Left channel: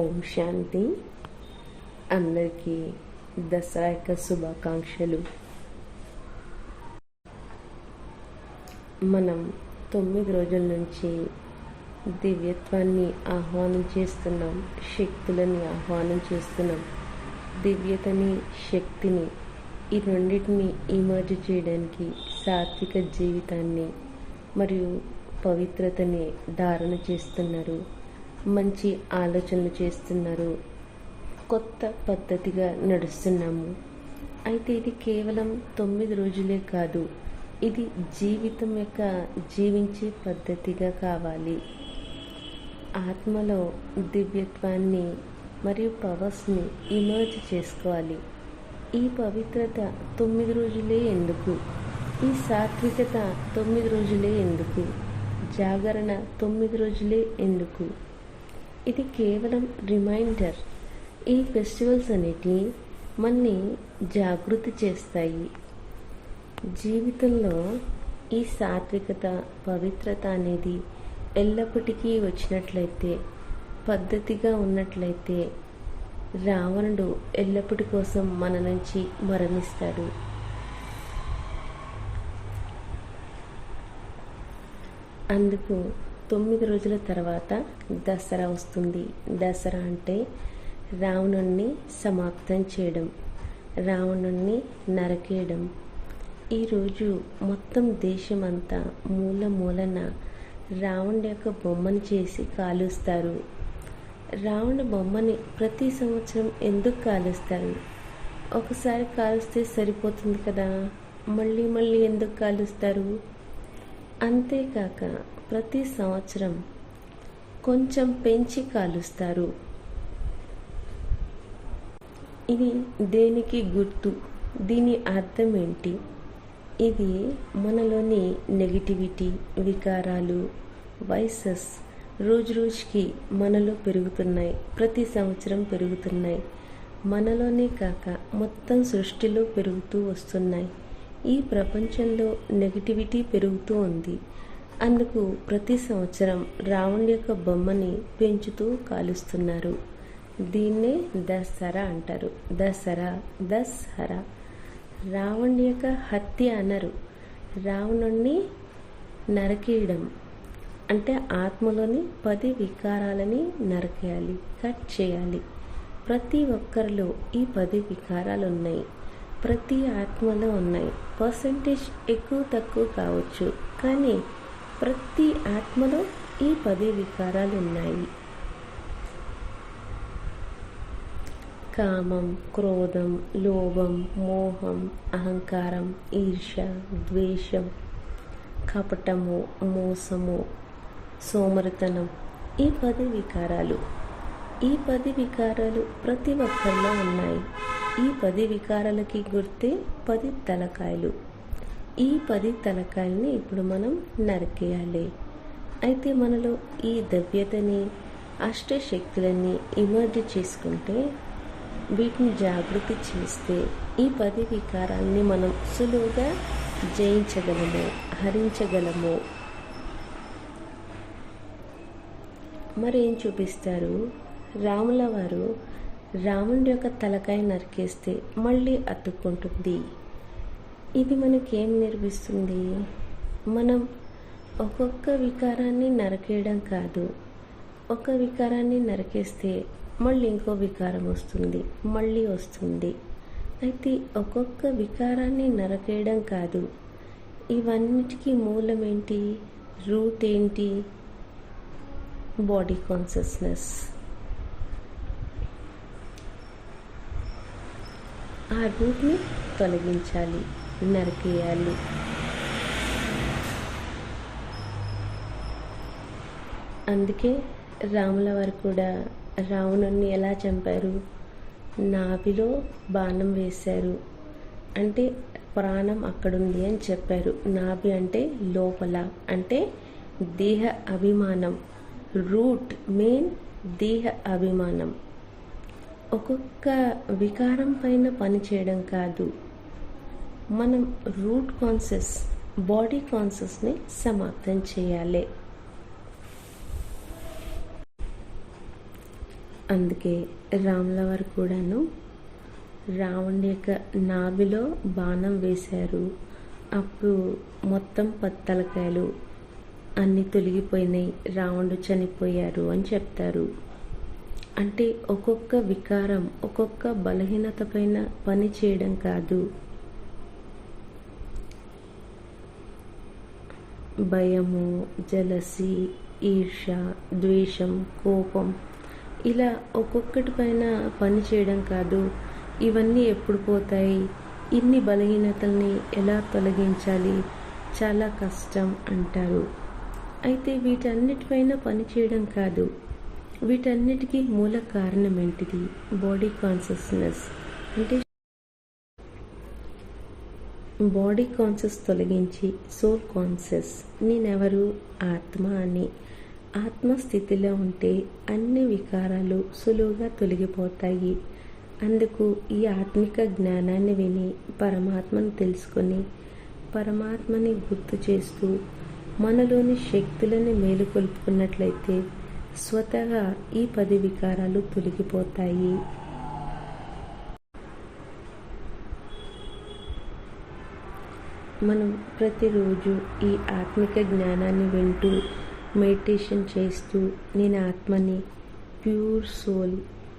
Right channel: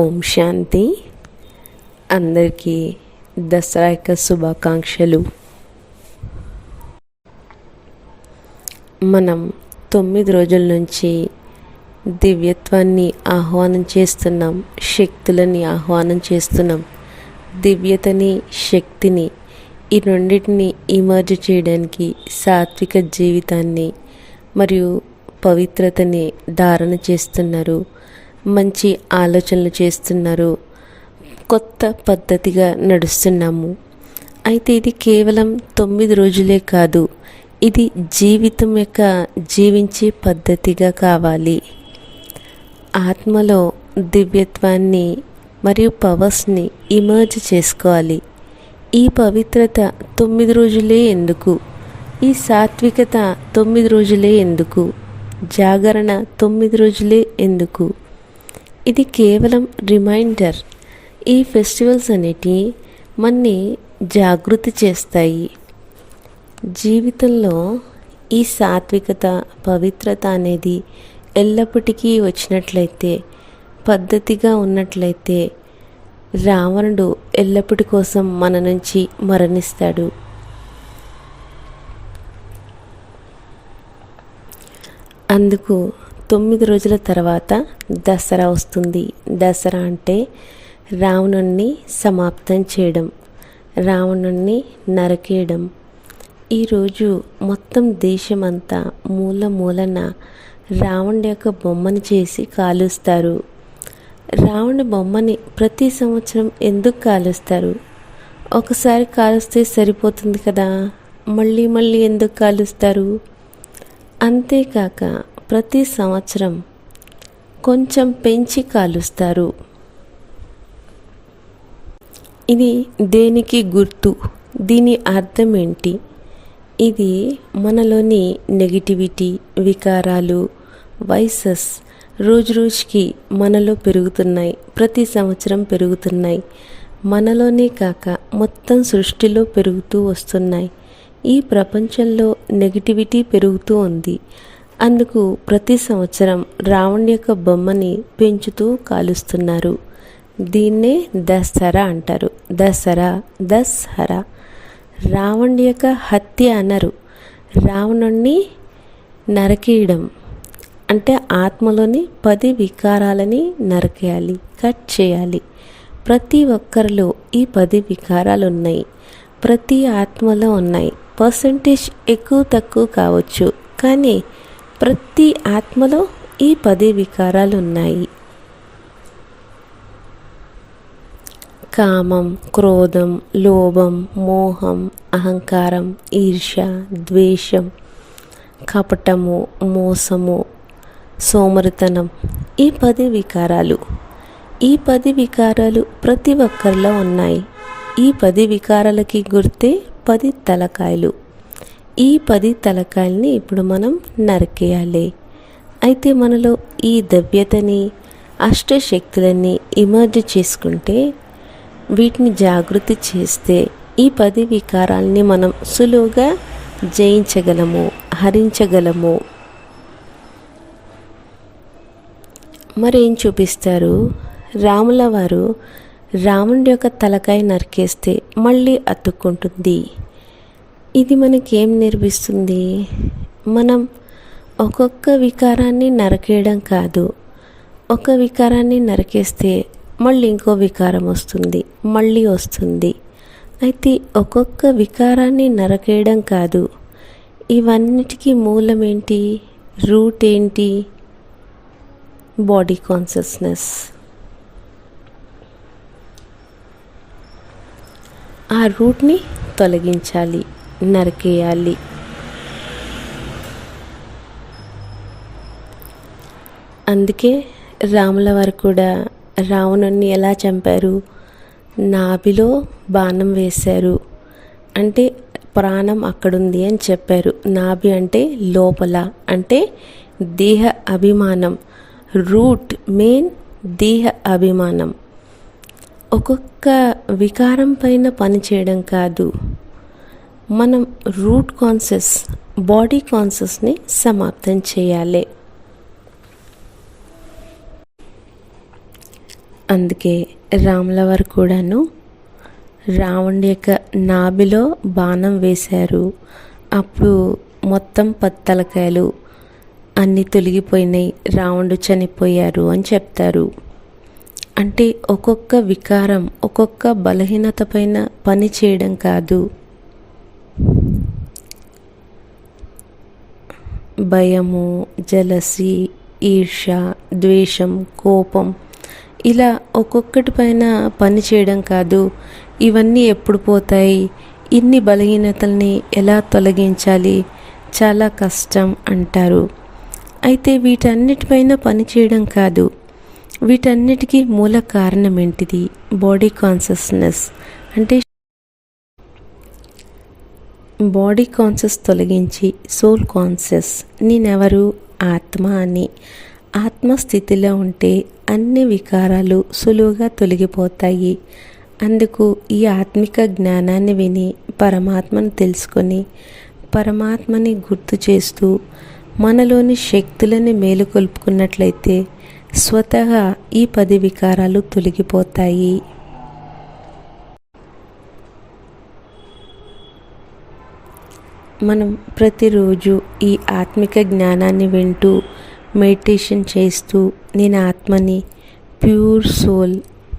ఓం శాంతి. అందరికీ దసరా యొక్క శుభాకాంక్షలు. మనం 9 రోజుల నుంచి దివ్యత్వాన్ని ఆహ్వానం చేస్తున్నాం, శక్తులని ఆహ్వానం చేస్తున్నాం. దివ్యతని, శక్తిని ఈ రెండింటిని ఇమర్జ్ చేయడానికి సాత్విక జీవితాన్ని మరియు పవిత్రతని ధారణ చేస్తున్నారు. మంచి ఆలోచనలు చేస్తున్నారు. కొత్త పద్ధతిగా నడుస్తున్నాము. అయితే ఇది కేవలం 9 రోజులే కాదు, ఇది జీవితం యొక్క జీవించే పద్ధతిగా కావాలి. ఆత్మలో దివ్యత్వాన్ని మరియు పవర్స్ని ఇమర్జ్ చేసుకోవాలి. ఈ పవిత్రత 9 రోజులే ఎందుకు? ఈ సాత్వికత 9 రోజులే ఎందుకు? జాగరణ 9 రోజులే ఎందుకు? ఇది కేవలం రిమైండర్. ఈ ఫెస్టివల్స్ అనేటివి మనని జాగృతి చేస్తాయి. జీవితంలో ఈ సాత్వికత, పవిత్రత అనేది ఎల్లప్పటికీ వచ్చినట్లయితే, పద్ధతిగా ఉన్నట్లయితే రావణుడు ఎల్లప్పటి కోసం మన నుంచి మరణిస్తాడు. అందుకు 9 రోజుల తర్వాత దసరా వస్తుంది. దసరా అంటే రావణుణ్ణి సమాప్తం చేయడం, రావణుణ్ణి నరకేయడం. ఈరోజు మొత్తం దేశమంతా మూల మూలన రావణుడి యొక్క బొమ్మను చేసి కాలుస్తారు. రావణుడి బొమ్మని ప్రతి సంవత్సరం ఎందుకు కాలుస్తారు? ఒకసారి కాలుస్తే సరిపోతుంది కదా, మళ్ళీ మళ్ళీ ఎందుకు కాలుస్తారు? అంతేకాక ప్రతి సంవత్సరం కొంచెం పెంచి కాలుస్తారు. ఇది దేనికి గుర్తు? దీని అర్థం ఏంటి? ఇది మనలోని నెగిటివిటీ, వికారాలు, వైసెస్ రోజు రోజుకి మనలో పెరుగుతున్నాయి. ప్రతి సంవత్సరం పెరుగుతున్నాయి. మనలోనే కాక మొత్తం సృష్టిలో పెరుగుతూ వస్తున్నాయి. ఈ ప్రపంచంలో నెగిటివిటీ పెరుగుతూ ఉంది. అందుకు ప్రతి సంవత్సరం రావణుడి యొక్క బొమ్మని పెంచుతూ కాలుస్తున్నారు. దీన్నే దసరా అంటారు. దసరా రావణుడి యొక్క హత్య అనరు, రావణుణ్ణి నరకేయడం. అంటే ఆత్మలోని 10 వికారాలని నరకేయాలి, కట్ చేయాలి. ప్రతి ఒక్కరిలో ఈ 10 వికారాలు ఉన్నాయి. ప్రతి ఆత్మలో ఉన్నాయి. పర్సంటేజ్ ఎక్కువ తక్కువ కావచ్చు, కానీ ప్రతి ఆత్మలో ఈ 10 వికారాలు ఉన్నాయి. కామం, క్రోధం, లోభం, మోహం, అహంకారం, ఈర్ష్య, ద్వేషం, కపటము, మోసము, సోమరితనం. ఈ 10 వికారాలు, ఈ 10 వికారాలు ప్రతి ఒక్కరిలో ఉన్నాయి. ఈ 10 వికారాలకి గుర్తే 10 తలకాయలు. ఈ 10 తలకాయల్ని ఇప్పుడు మనం నరికేయాలి. అయితే మనలో ఈ దవ్యతని, అష్టశక్తులని ఇమర్జ్ చేసుకుంటే, వీటిని జాగృతి చేస్తే ఈ 10 వికారాలని మనం సులువుగా జయించగలము, హరించగలము. మరేం చూపిస్తారు? రాముల వారు రావణుడి యొక్క తలకాయ నరికేస్తే మళ్ళీ అతుక్కుంటుంది. ఇది మనకేం నేర్పిస్తుంది? మనం ఒక్కొక్క వికారాన్ని నరకేయడం కాదు, ఒక వికారాన్ని నరికేస్తే మళ్ళీ ఇంకో వికారం వస్తుంది, మళ్ళీ వస్తుంది. అయితే ఒక్కొక్క వికారాన్ని నరకేయడం కాదు, ఇవన్నిటికీ మూలం ఏంటి? రూట్ ఏంటి? Body consciousness. ఆ రూట్ని తొలగించాలి, నరికేయాలి. అందుకే రాముల వారు కూడా రావణుణ్ణి ఎలా చంపారు? నాభిలో బాణం వేశారు. అంటే ప్రాణం అక్కడుంది అని చెప్పారు. నాభి అంటే లోపల, అంటే దేహ అభిమానం. రూట్ మెయిన్ దేహ అభిమానం. ఒక్కొక్క వికారం పైన పనిచేయడం కాదు, మనం రూట్ కాన్షియస్, బాడీ కాన్షియస్ని సమాప్తం చేయాలి. అందుకే రాముల వారు కూడాను రావణుడి యొక్క నాభిలో బాణం వేశారు. అప్పుడు మొత్తం 10 తలకాయలు అన్నీ తొలగిపోయినాయి, రావణుడు చనిపోయారు అని చెప్తారు. అంటే ఒక్కొక్క వికారం ఒక్కొక్క బలహీనత పైన పని చేయడం కాదు, భయము, జలసి, ఈర్ష, ద్వేషం, కోపం ఇలా ఒక్కొక్కటి పైన పని చేయడం కాదు. ఇవన్నీ ఎప్పుడు పోతాయి, ఇన్ని బలహీనతల్ని ఎలా తొలగించాలి, చాలా కష్టం అంటారు. అయితే వీటన్నిటిపైన పని చేయడం కాదు, వీటన్నిటికీ మూల కారణం ఏంటిది? Body consciousness. అంటే బాడీ కాన్షియస్ తొలగించి సోల్ కాన్షియస్, నేనెవరు? ఆత్మ అని. ఆత్మస్థితిలో ఉంటే అన్ని వికారాలు సులువుగా తొలగిపోతాయి. అందుకు ఈ ఆత్మిక జ్ఞానాన్ని విని పరమాత్మను తెలుసుకొని పరమాత్మని గుర్తు చేస్తూ మనలోని శక్తులని మేలుకొల్పుకున్నట్లయితే స్వతహా ఈ 10 వికారాలు తొలగిపోతాయి. మనం ప్రతిరోజు ఈ ఆత్మిక జ్ఞానాన్ని వింటూ మెడిటేషన్ చేస్తూ నేను ఆత్మని, ప్యూర్ సోల్,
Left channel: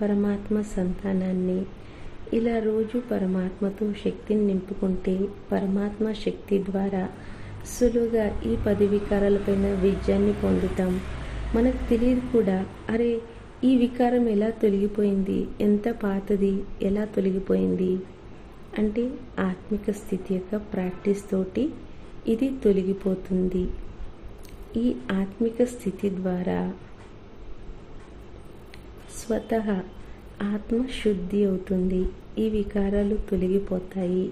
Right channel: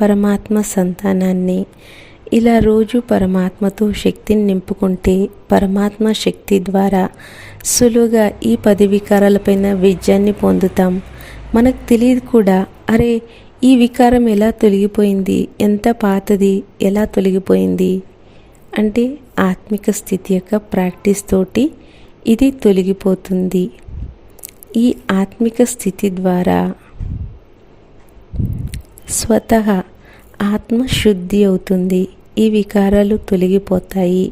పరమాత్మ సంతానాన్ని, ఇలా రోజు పరమాత్మతో శక్తిని నింపుకుంటే పరమాత్మ శక్తి ద్వారా సులువుగా ఈ 10 వికారాలపైన విజయాన్ని పొందుతాం. మనకు తెలియదు కూడా, అరే ఈ వికారం ఎలా తొలగిపోయింది, ఎంత పాతది ఎలా తొలగిపోయింది అంటే ఆత్మిక స్థితి యొక్క ప్రాక్టీస్ తోటి ఇది తొలగిపోతుంది. ఈ ఆత్మిక స్థితి ద్వారా స్వతహా ఆత్మ శుద్ధి అవుతుంది, ఈ వికారాలు తొలగిపోతాయి.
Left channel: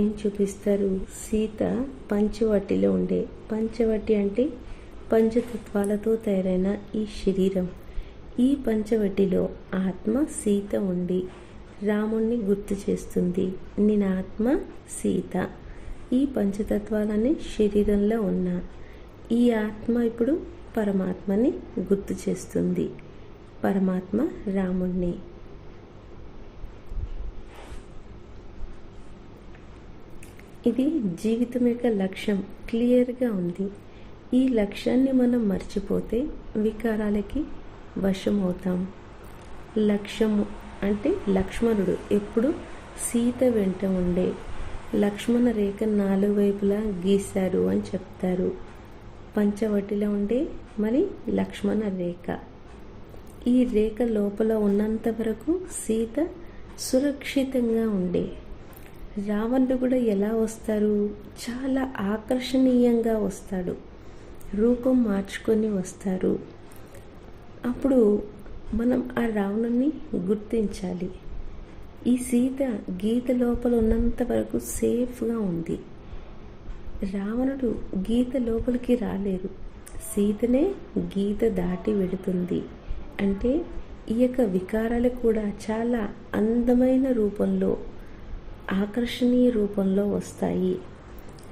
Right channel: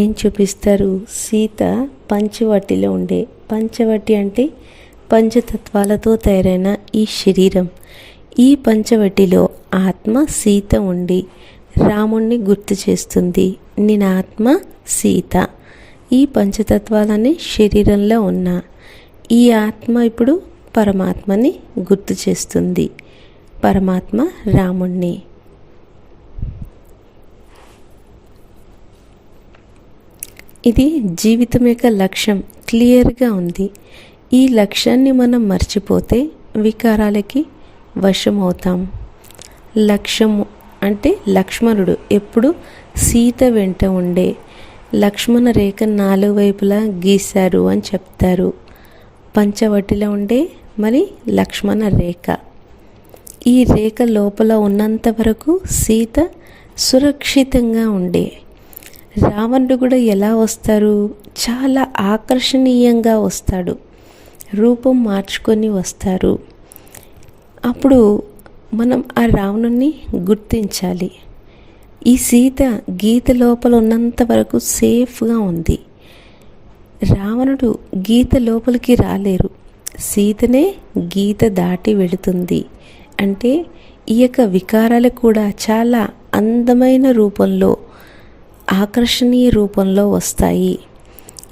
ఏం చూపిస్తారు? సీత పంచవటిలో ఉండే, పంచవటి అంటే పంచతత్వాలతో తయారైన ఈ శరీరం, ఈ పంచవటిలో ఆత్మ సీత ఉండి రాముణ్ణి గుర్తు చేస్తుంది. నేను ఆత్మ సీత, ఈ పంచతత్వాలని శరీరంలో ఉన్న ఈ ఆత్మ ఇప్పుడు పరమాత్మని గుర్తు చేస్తుంది, పరమాత్మ రాముణ్ణి. ఇది జీవితం యొక్క లక్ష్యం క్లియర్గా ఉంది. ఈ లక్ష్యాన్ని మనం మర్చిపోతే వికారాలకి వశం అవుతాం. లక్ష్యము అంటే లక్ష్మణుడు ఎప్పుడు సీత వెంట ఉండే, లక్ష్మణ రేఖ 4 వైపులా గీశారు అని చెప్తారు. పంచవటిలో ఉండే మరి లక్ష్మణ రేఖ, ఈ రేఖ లోపల ఉన్నంత వరకు సీత సురక్షితంగా ఉండే. రావణుడు కూడా ఎలా వస్తారు? చాలా ఆకర్షణీయంగా వస్తాడు, రూపం మార్చుకొని వస్తారు. అప్పుడు మనం ఆ రావణుని గుర్తించాలి. ఈ సీత గీత లోపల ఉన్నంత వరకు సేఫ్గా ఉంది. రావణుడు గీత లోపలికి రాలేరు, సీతనే గీత దాటి వెళుతుంది. అంటే ఈ యొక్క వికారాలు కూడా చాలా అందమైన రూపంలో, ఆకర్షణీయ రూపంలో వస్తాయి.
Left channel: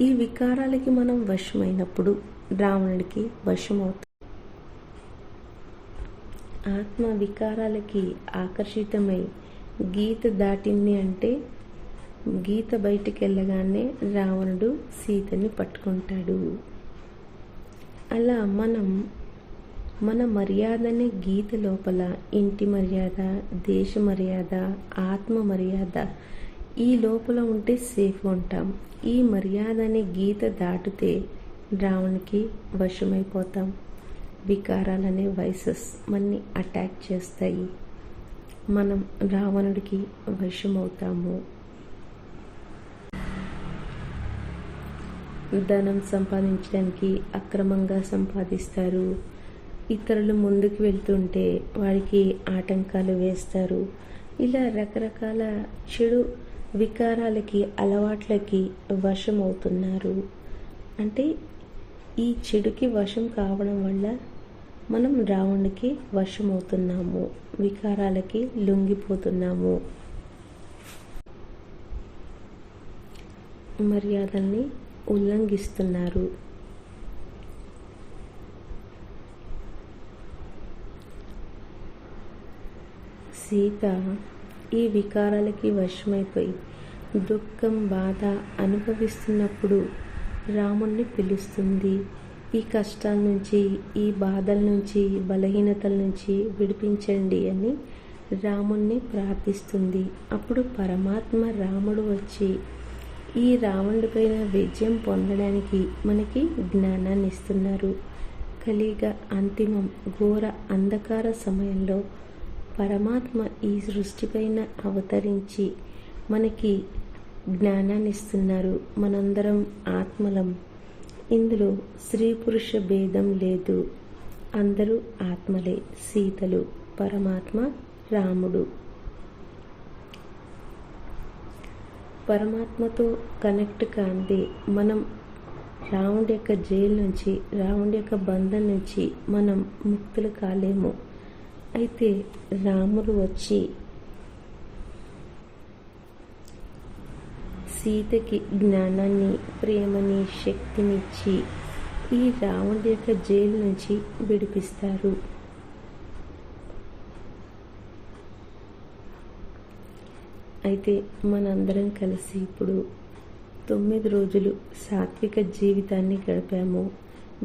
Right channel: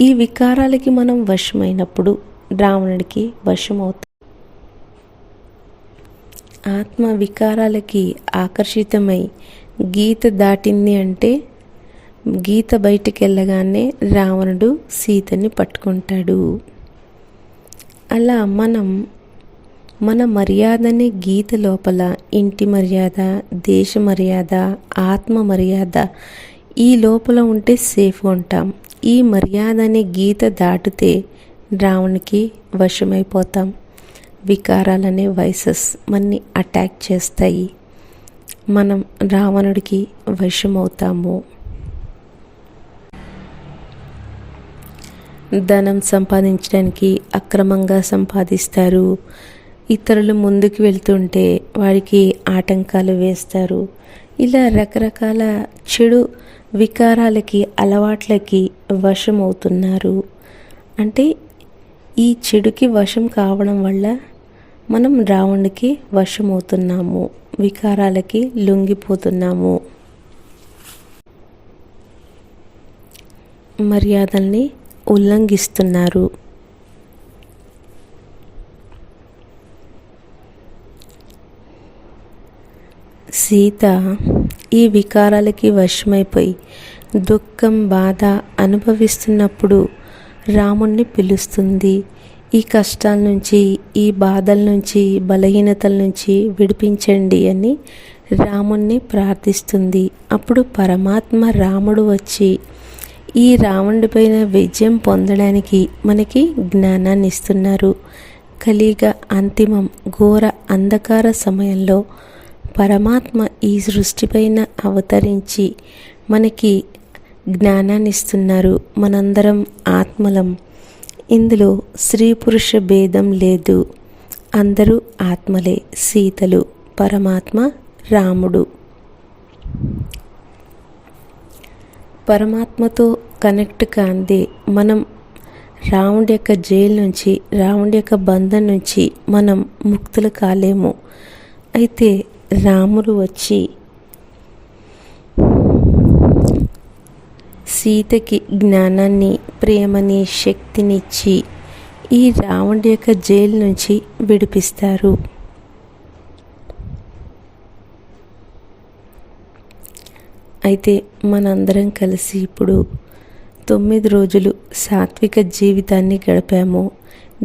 ఈ వికారాలకి మనం వశమైనప్పుడు రావణుడికి వశమవుతాం. ఆత్మ వికారాలకి ఆకర్షితమై గీత దాటింది అంటే గీత బయటికి వెళ్ళగానే రావణుడు సీతని పట్టుకుంటాడు. అలా మన మర్యాదని గీత లోపల, ఇంటి మర్యాద, దేశ మర్యాద, ఆత్మ మర్యాద ఈ లోపల ఉంటే సేఫ్గా ఉంటాం. ఈ మర్యాద అనే గీత దాటితే రావణునికి వశమైపోతాం. వికారాలనే వైసెస్ మనని అటాక్ చేస్తాయి, మనం రావణుడికి వశమవుతాము. ధనం సంపాదించడానికి అక్రమంగా సంపాదిస్తారు. ఇతరులు ముందుకు వెళ్తుంటే వారికి ఆటంకాలు వేస్తారు. ఇలా రకరకాల చెడు వికారాలకి, అలవాట్లకి వశమవుతున్నారు. అంటే ఈ చెడుకి వశం కావడం వల్ల మనం రావణుడికి వశమవుతున్నాము, వికారాలకి లొంగిపోతున్నాము. మర్యాదల్ని ఉల్లంఘిస్తున్నారు. సీత ఈ వికారాలకి వశమైపోయి దుఃఖం బాధ అనుభవిస్తున్నప్పుడు రాముణ్ణి పిలుస్తుంది. ఈ కష్టాల నుంచి, ఈ బాధల నుంచి, బలహీనతల నుంచి విడిపించండి అని రాముణ్ణి ప్రార్థిస్తుంది. అప్పుడు పరమాత్మ రాముడు వచ్చి ఈ రావణుడి పైన విజయం పొందడానికి మనకి జ్ఞానాన్ని ఇస్తున్నారు. కలియుగ అంతిమం ఘోర అంధకార సమయంలో పరమాత్మ ఈ సృష్టిపైన అవతరించి మనకి జ్ఞానాన్ని ఇస్తున్నారు. మనందరం ఆత్మలం. ఇందులో స్త్రీ పురుష భేదం లేదు. అందరూ ఆత్మలే. సీతలు, పరమాత్మ, రాముడు. పరమాత్మతో కనెక్ట్ కాందే మనం రావణుడి యొక్క జైలు నుంచి, రావణుడి యొక్క బంధం నుంచి మనం ముక్తులు కాలేము. అయితే రాముడు వచ్చి సీతకి జ్ఞానాన్ని, ప్రేమని, శక్తినిచ్చి ఈ రావణుడి యొక్క జైలు నుంచి విడిపిస్తారు. అయితే మనందరం కలిసి ఇప్పుడు 9 రోజులు సాత్విక జీవితాన్ని గడిపాము.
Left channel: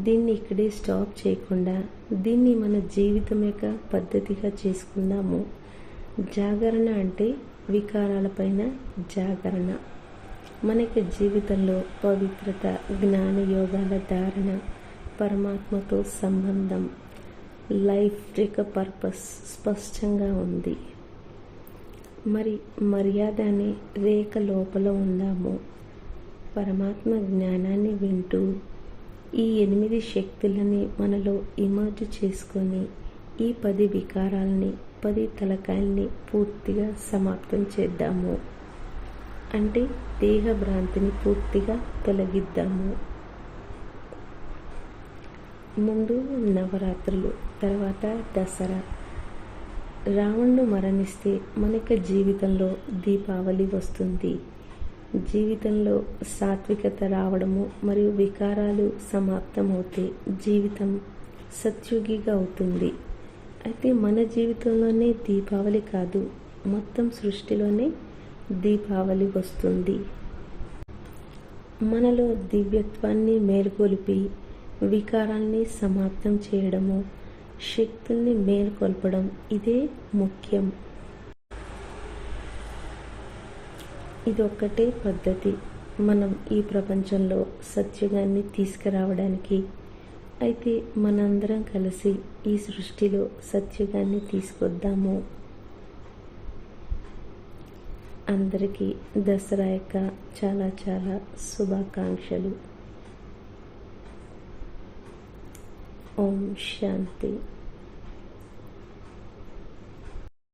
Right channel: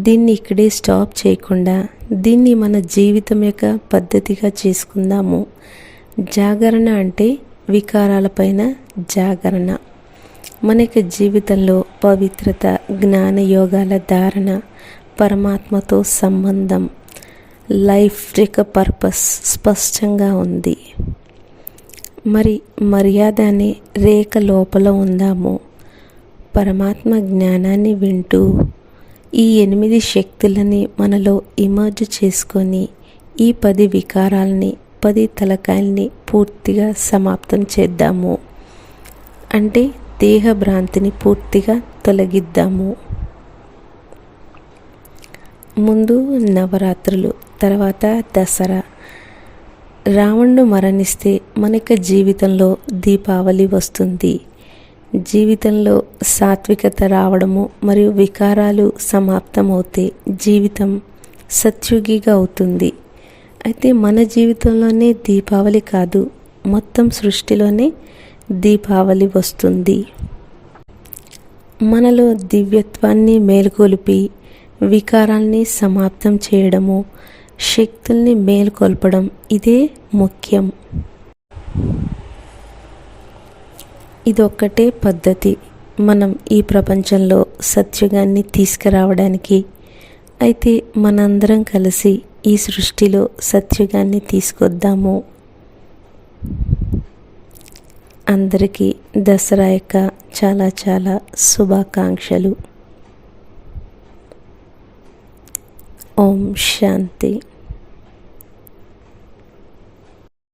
దీన్ని ఇక్కడే స్టాప్ చేయకుండా దీన్ని మన జీవితం యొక్క పద్ధతిగా చేసుకుందాము. జాగరణ అంటే వికారాలపైన జాగరణ. మనకి జీవితంలో పవిత్రత, జ్ఞాన యోగాల ధారణ, పరమాత్మతో సంబంధం, లైఫ్ యొక్క పర్పస్ స్పష్టంగా ఉంది. మరి మర్యాద అనే రేఖ లోపల ఉందాము. పరమాత్మ జ్ఞానాన్ని వింటూ ఈ 8 శక్తులని మనలో ఇమర్జ్ చేసుకొని ఈ 10 వికారాలని, 10 తలకాయల్ని పూర్తిగా సమాప్తం చేద్దాము. అంటే దేహ భ్రాంతిని పూర్తిగా తొలగిద్దాము. ముందు నవరాత్రులు, తర్వాత దసరా. రావణుడు మరణిస్తే మనకి జీవితంలో దీపావళి వస్తుంది. జీవితంలో సాత్వికత రావడము మరియు వికారాలు సమాప్తమవుతే జీవితం సత్యుగిగా అవుతుంది. అయితే మన జీవితంలోనే దీపావళి కాదు, మొత్తం సృష్టిలోనే దీపావళి వస్తుంది. మనలో దివ్యత్వాన్ని మేల్కొల్పి వికారాల్ని సమాప్తం చేయడము, శక్తుల్ని మేల్కొల్పడం ఇదే ముఖ్యం. ఇదొక్కటే పద్ధతి మనం ఈ ప్రపంచంలో సత్యుగాన్ని తీసుకురావడానికి. అయితే మనందరం కలిసి ఈ సృష్టిలో సత్యుగాన్ని తీసుకొద్దాము. అందరికీ దసరా యొక్క చాలా చాలా శుభాకాంక్షలు. ఓం శాంతి.